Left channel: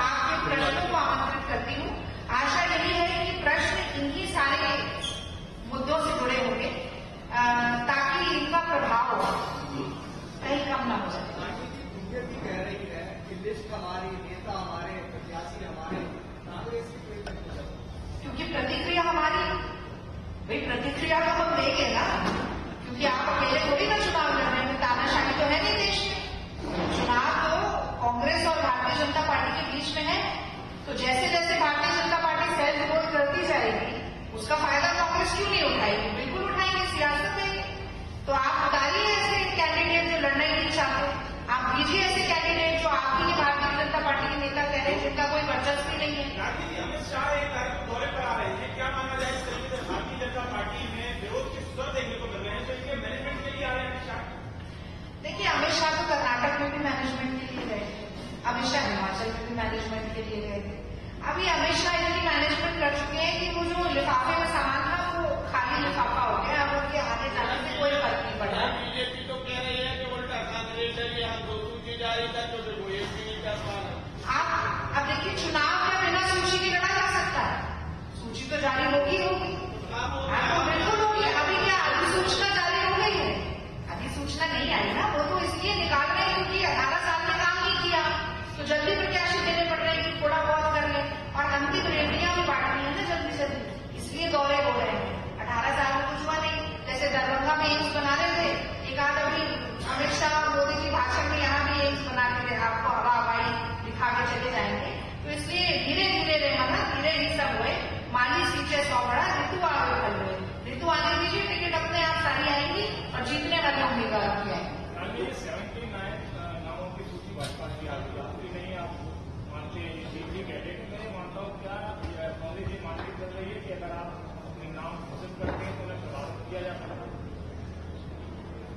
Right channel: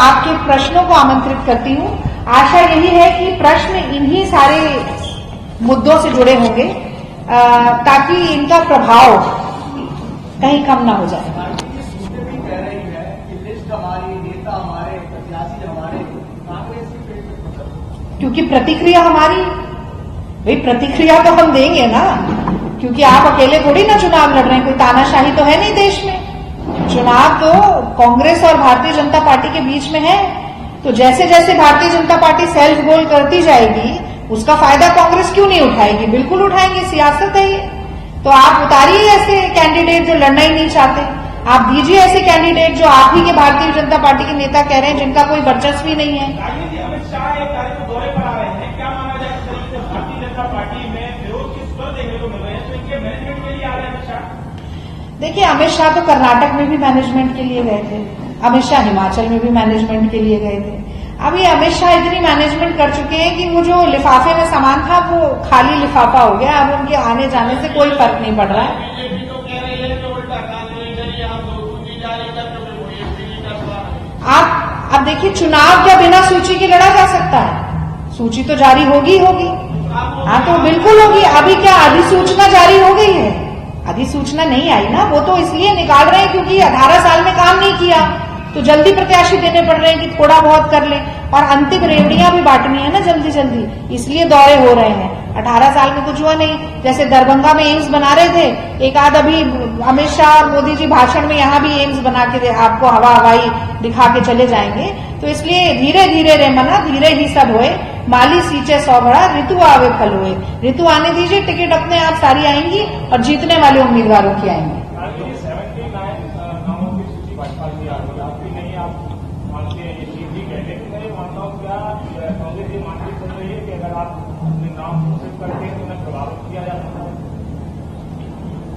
आपके प्रश्नों को आमंत्रित करती हूं। आशा यही है कि प्रश्न इन्हीं सारे मुद्दों से जुड़े होंगे ताकि इनका प्रभाव कहीं कम ना हो जाए। क्योंकि प्रतिक्रिया हमारी, भाई प्रतिक्रिया तो हम देंगे ना, क्योंकि आप अकेले थोड़ी ना चुनाव लड़ रहे हैं, कोई तानाशाही तो है नहीं देश में। चुनाव तो कांग्रेस और भारतीय जनता पार्टी के बीच में है, तो जैसे जैसे Bharatiya Janata party self goal करती जाएगी उसका फायदा कांग्रेस क्यों नहीं उठाएगी? बिल्कुल उठाएंगे, सियासत है ये। तो आप उतारिए ऐसे कैंडिडेट जो लड़ना ही नहीं चाहते, आप दीजिए ऐसे कैंडिडेट जो आप ही के भारतीय जनता पार्टी के नेता कह रहे हैं जिनका कोई वर्चस्व ही नहीं है। अमित शाह एक तारीख को दौरे पर आ रहे हैं, क्या माना जाए इस तरीके से भारतीय जनता पार्टी में विरोध की स्वर देखने को मिल रहे हैं, तो इनके मैनेजमेंट के लिए आ रहे हैं अमित शाह? देखिए, अमित शाह तो कर्नाटक में भी मैनेजमेंट के लिए गए थे, अमित शाह हिमाचल में भी मैनेजमेंट के लिए गए थे। अभी अमित शाह इतनी मैनेजमेंट कर चुके हैं कि वो जो लिफाफे में सामान था वो खाली लिफाफा हो गया। अब उनके आने जाने से कोई फर्क नहीं पड़ रहा है। आप अब देखिए, चुनाव क्या बिना सूची के लड़ा जा सकता है? सूची तो जारी होगी होगी। हाँ, तो बिल्कुल होगी। अभी क्या अधिसूचना जारी हो गई है? अधिसूचना नहीं आई ना, वो तो इसलिए निकाल रहे हैं क्योंकि 18 साल में काम नहीं किया, तो जल्दी प्रत्याशी देने पड़ रहे हैं कि थोड़ा बहुत कर लें, और अंतिम रेवड़ियां भी बांटनी है ना जल्दी जल्दी, इसलिए दौरे हो रहे हैं। 18 साल में कुछ हुआ नहीं। जैसे दरभंगा में एम्स बना रहे थे, एक आध अभी अमित शाह और मोदी जी भाषण में यहाँ भी एम्स बना के आपको हवाई दिखा के चले जाएंगे। तो इसलिए धीरे धीरे रे मना, धीरे ही सब होए, माली सींचे 100 घड़ा, ऋतु आवे फल होए। ऋतु आने दीजिए, टिकट अपने आप सारी आएंगी और जीतने वाले उम्मीदवारों की आएंगी।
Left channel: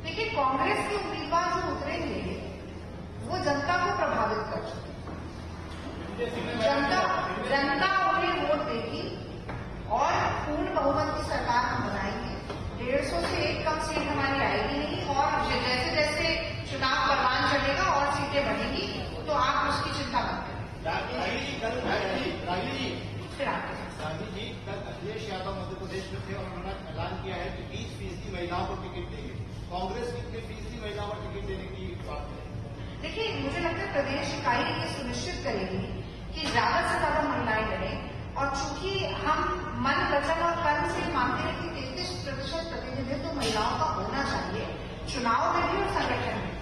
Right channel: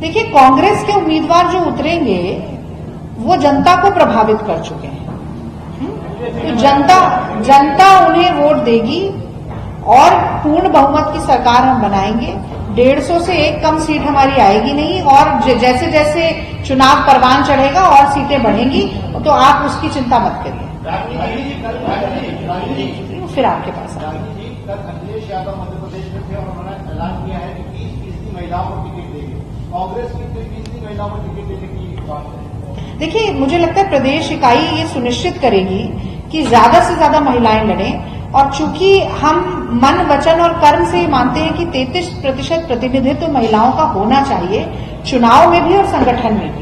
देखिए, कांग्रेस के उम्मीदवार जो उतरेंगे वो जनता को प्रभावित कर चुके हैं, तो जनता उन्हें वोट देगी और पूर्ण बहुमत की सरकार हम बनाएंगे। 150 से एक कम सीट हमारी आएगी नहीं, और जैसे जैसे चुनाव परवान चढ़ेगा और सीटें बढ़ेंगी, तो आप उसकी चिंता मत करिए। फिर आपके पास अखिलेश यादव मध्य प्रदेश में थे और उन्होंने ऐलान किया है कि 20% महिलाओं को टिकट देगी। कांग्रेस की 20% महिलाओं को टिकट देने की बात है। देखिए, मुझे लगता है प्रदेश इकाई ये सुनिश्चित करेगी कि ज्यादा से ज्यादा महिलाएं लड़ें, और चूंकि हम मन, वचन और कर्म से मानते हैं कि 33% प्रतिनिधित्व तो महिलाओं का होना चाहिए, चुनाव में भी और संगठन में भी।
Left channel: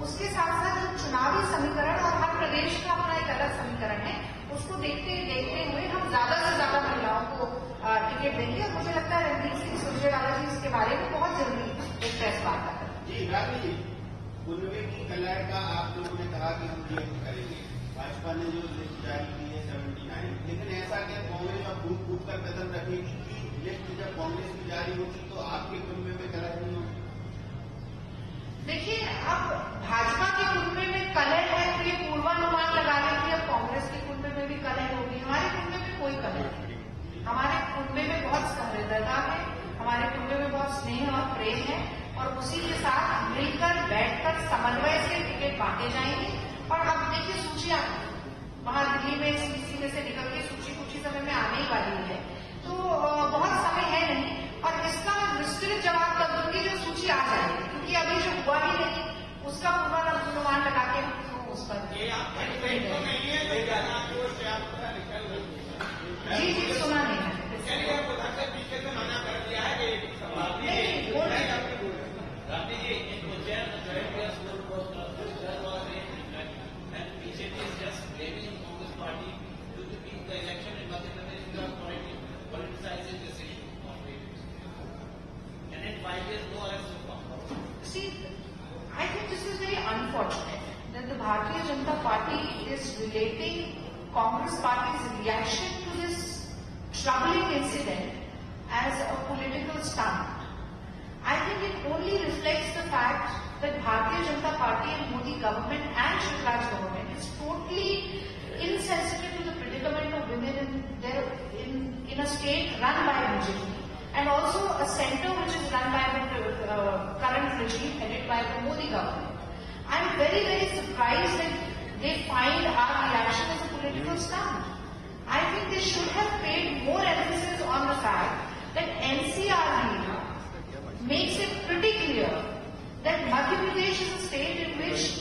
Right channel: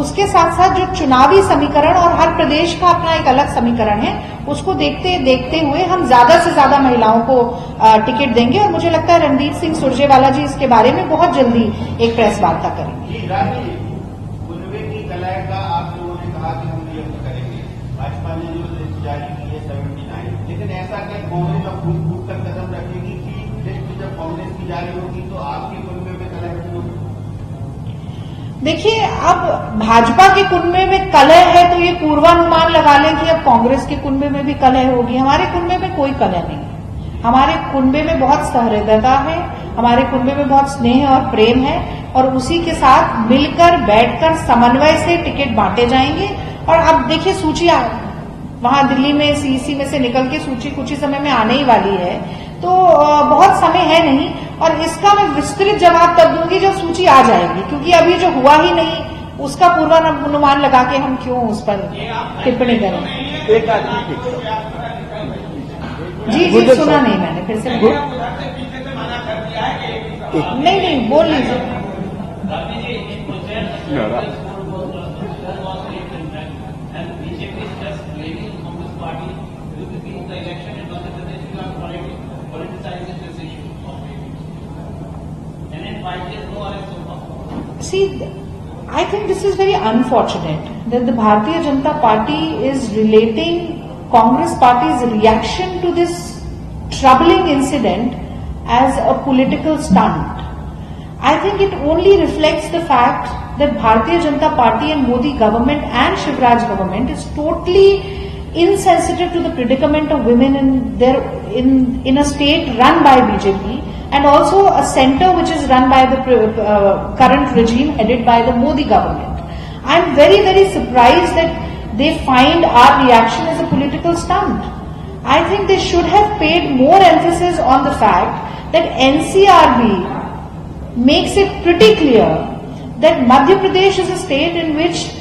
उसके साथ साथ जो चुनावी समीकरण, और हर प्रदेश का अपना एक अलग समीकरण है, उसको देखते हुए हम ज्यादा से ज्यादा महिलाओं को टिकट देंगे। और मुझे लगता है रणदीप सिंह सुरजेवाला जी इसके बारे में बहुत जल्दी एक प्रेस वार्ता करेंगे। कुनबे की कलह का आप लोगों ने कहा कि हम नियुक्त करेंगे, भाजपा ने जो लिस्ट जारी की है 79, लेकिन ऐसा क्या कांग्रेस अब फूट कर कदम रखेगी कि लिस्ट जब कांग्रेस की जारी होगी तो आपके कुनबे में कलह होगी? देखिए, अब भाजपा के कुनबे में कलह है तो ये पूर्वानुमान लगा लें कि अब कांग्रेस के कुनबे में भी कलह होगी। हमारे कुनबे में कोई कलह नहीं है। हमारे कुनबे में बहुत सहृदयता है, हमारे कुनबे में बहुत स्नेह और प्रेम है, और उसी के साथ मिलकर बैठकर समन्वय से टिकट बांटे जाएंगे। और अब देखिए, सूची वहां दिल्ली में सीईसी में से निकल के सूची कुछ ही समय में आने ही वाली है, तो बहुत समय है नहीं, और इसका मैं विस्तृत जवाब तब दूंगी जब सूची आ जाएगी, क्योंकि अभी जो हुआ ही नहीं उसका पूर्वानुमान लगा के हम क्यों उस पर टिप्पणी करें। जी, सुना नहीं मैंने, फिर से नहीं बोल लीजिए। See, I think this is very unfortunate that the Bharatiya Janata Party is relating Congress Party's reaction to this troubling incident as a political stunt. I think it only reflects the fact that Bharatiya Janata Party and Modi government and Shivraj government is totally insensitive to the predicament of women in a state run by BJP, and also a center which is run by the current regime headed by the Modi government. I am very, very surprised that they find our reaction as a political political stunt. I think they should have paid more emphasis on the fact that NCRB makes it pretty clear that Madhya Pradesh is a state in which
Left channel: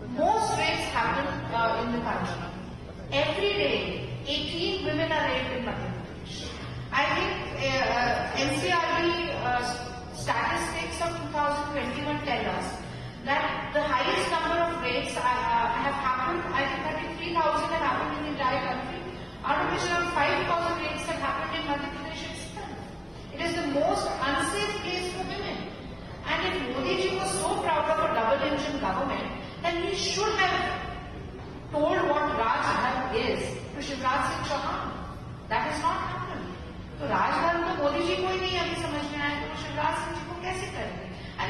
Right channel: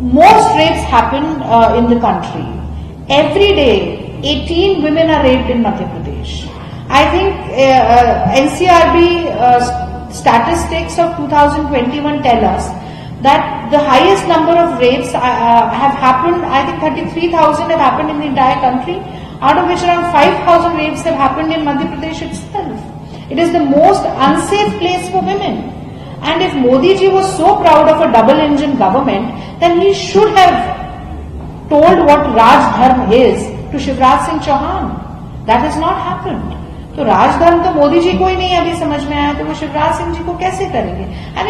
most rapes happen in the country. Every day, 18 women are raped in Madhya Pradesh. I think NCRB statistics of 2021 tell us that the highest number of rapes have happened, I think 33,000 have happened in the entire country, out of which around 5,000 rapes have happened in Madhya Pradesh itself. It is the most unsafe place for women. And if Modi ji was so proud of a double-engine government, then he should have told what Raj Dharma is to Shivraj Singh Chauhan. That has not happened. तो राजधर्म तो मोदी जी को ही नहीं अभी समझ में आया, तो वो शिवराज सिंह जी को कैसे करेंगे? And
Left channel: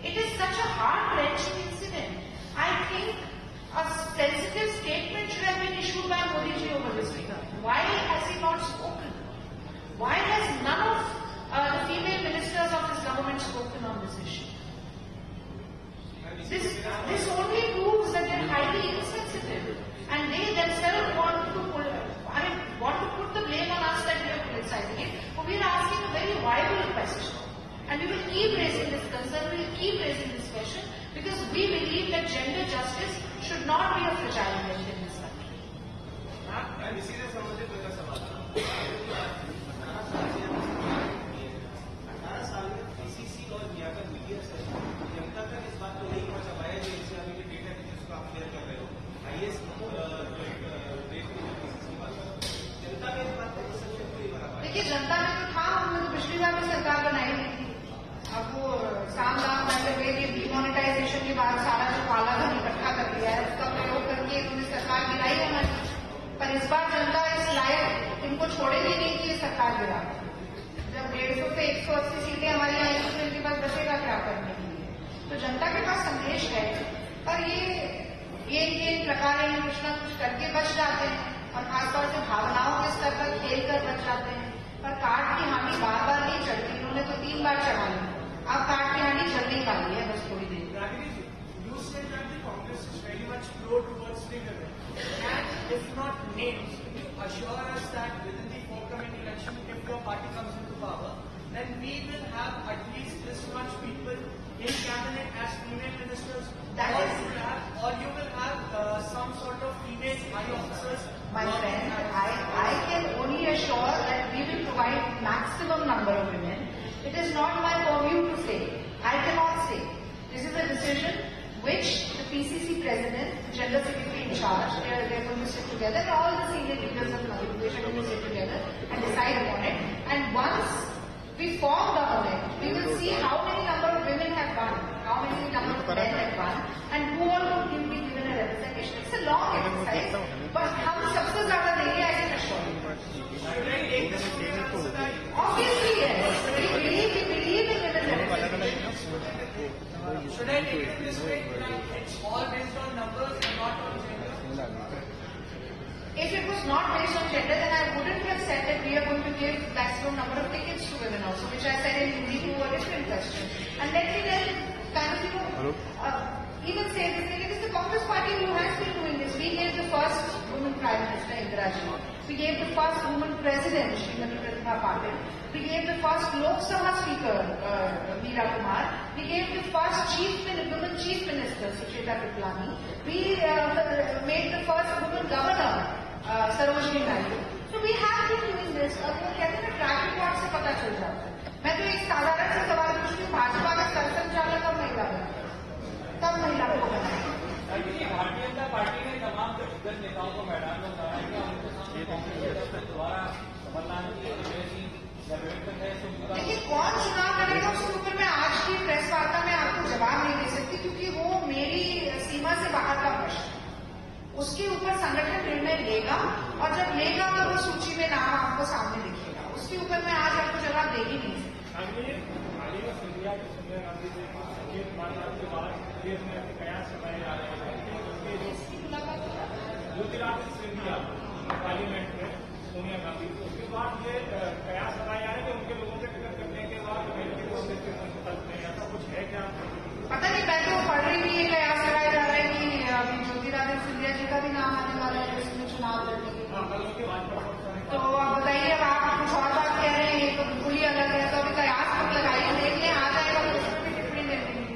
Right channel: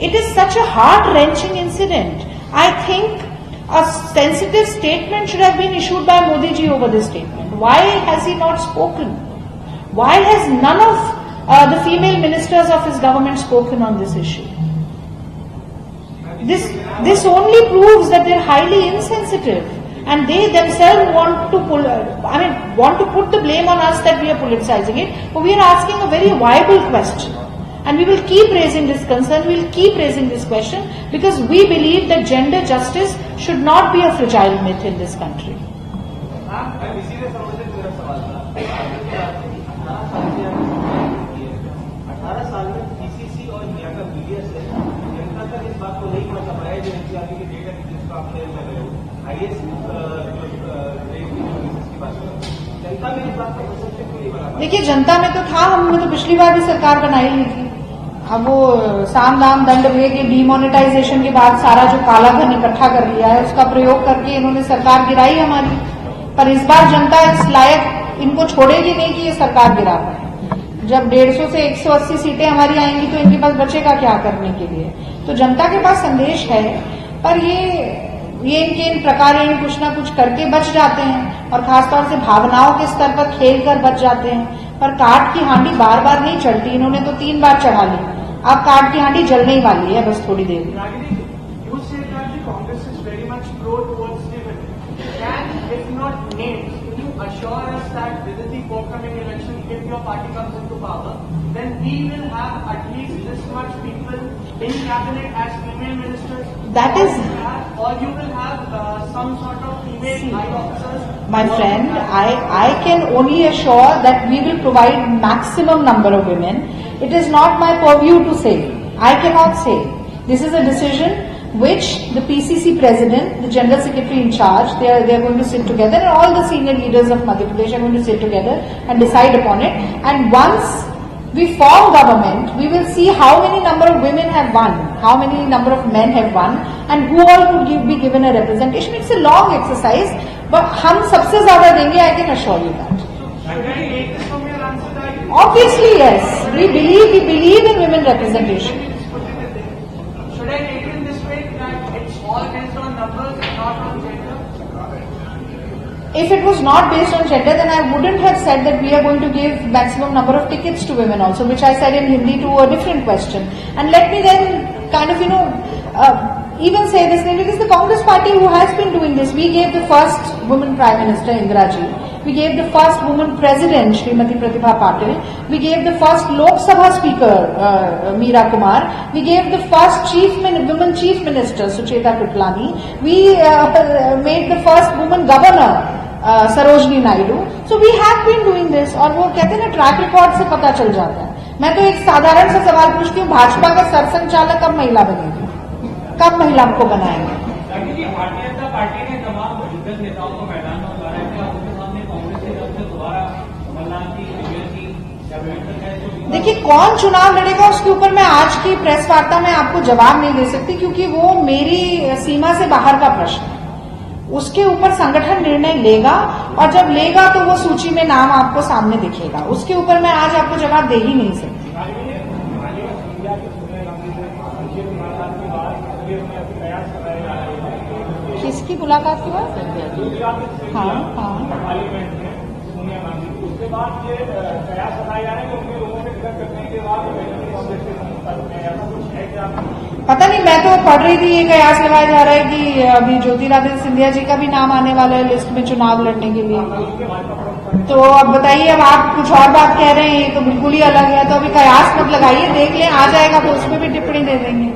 it is such a heart-wrenching incident. I think a sensitive statement should have been issued by Modi ji over this statement. Why has he not spoken? Why has none of the female ministers of his government spoken on this issue? This only proves that they're highly insensitive, and they themselves want to put the blame on us that we are politicizing it. But we are asking a very viable question. And we will keep raising this concern, we will keep raising this question, because we believe that gender justice should not be a fragile myth in this country. इसी से संबंधित मेरा सवाल था। 18 साल में PCC और यहाँ का मीडिया से जनता तक इस बात को नहीं पहुंचा पाया जो एनसीआरबी के डेटा जिसको आप शेयर कर रहे हो, आईएएस की बात करो, जनता में इस बात का परसेप्शन क्यों नहीं बना? देखिए, जनता में तो था, हमने तो पिछली बार भी सरकार बनाई ही थी। अब वो साम दाम दंड भेद, ये डीमोनेटाइजेशन के बाद सारा जो काला धन इकट्ठा कर लिया है उसका प्रयोग करके इन्होंने सरकार गिराई हमारी। पर इस बार जनता इस लायक इनको छोड़ेगी नहीं कि ये सरकार गिरा पाए। जब 150 से 180 सीटें हमारी आएंगी तो इनके पास बचेगा क्या करने के लिए? तो जनता के पास संदेश है, पर ये इनके इन प्रकार कुछ ना कुछ करके बच जाते हैं, और खासतौर से भावनाओं के स्तर पर खेल कर बच जाते हैं। पर काठ की हांडी बार बार नहीं चढ़ती, इन्होंने तो 3 बार चढ़ा ली, अब काठ की हांडी जलने ही वाली है बस थोड़ी देर में। Assure us that within the forthcoming election, if your party comes into power, then we will have at least this much people in cabinet as female ministers. That is, or you will have some sort of female high officers. My friend, I can only assure that we will provide maximum number of women. It is not my purview to say. I cannot say. This is a decision which the PCC president, the general secretary in charge, they are going to sit together, and all the senior leaders of Madhya Pradesh are going to sit together and decide upon it. And once we form government, we will see how many number of women have won, how many number of men have won, and who all would be given a representation. It's a long exercise, but हम सबसे ज़्यादा देंगे, I can assure you that. Obviously, yes. We believe in women representation. Should I take it in this way that it's all based on numbers and not on gender? If it was not based on gender, then I wouldn't have said that we are going to give maximum number of tickets to women also, which I said in Hindi to a different question. And let me then kind of, even say this, it is the Congress party who has been doing this. We gave the first woman Prime Minister, Indira Ji. We gave the first woman President, Srimati Pratibha Patil. We gave the first Lok Sabha Speaker, Meera Kumar. We gave the first woman Chief Minister, Sucheta Kriplani. We made the first woman Governor, Sarojini Naidu. So we have been doing this. और वो कहते हैं ना, track record से पता चल जाता है। मैं तो एक साधारण सा सवाल पूछती हूँ, भाजपा का सरसंघचालक कब महिला बनेगी? कब महिला को बनाएंगे? भारतीय जनता पार्टी ने तमाम दिग्गज नेताओं को मैदान में उतारा है, क्या उनके सामने कांग्रेस की तरफ से दोबारा कमलनाथ की देखिए, कौन चुनाव लड़ेगा उसके ऊपर मैं आज की प्रेस वार्ता में आपको जवाब नहीं दे सकती, क्योंकि वो मेरी सीमा से बाहर का प्रश्न है। उसके ऊपर संगठन निर्णय लेगा, और जब लेगा तो वो सूची में नाम आपको सामने दिखेगा। उसके ऊपर मैं आज आपको जवाब दे ही नहीं सकती। किसकी मुलाकात हुआ? हाँ हाँ, उसके बाद ये कयास बताया जा रहा है कि उनके लोगों से टिकट कटने के बाद ऐसा कुछ है क्या? पता नहीं, मैं तो पढ़ रही थी, ये कयास लगाया जा रहा है कि अभी ज्योतिरादित्य सिंधिया जी का भी नाम आने वाला है लिस्ट में चुनाव लड़ने के लिए। तो अब बताइए, अब आप कुछ और बात कह रहे हैं, ये तो बिल्कुल ही अलग है। तो अभी कयास मत लगाइए, देख लें, आ जाएगा तो उसमें भी टिप्पणी दे देंगे।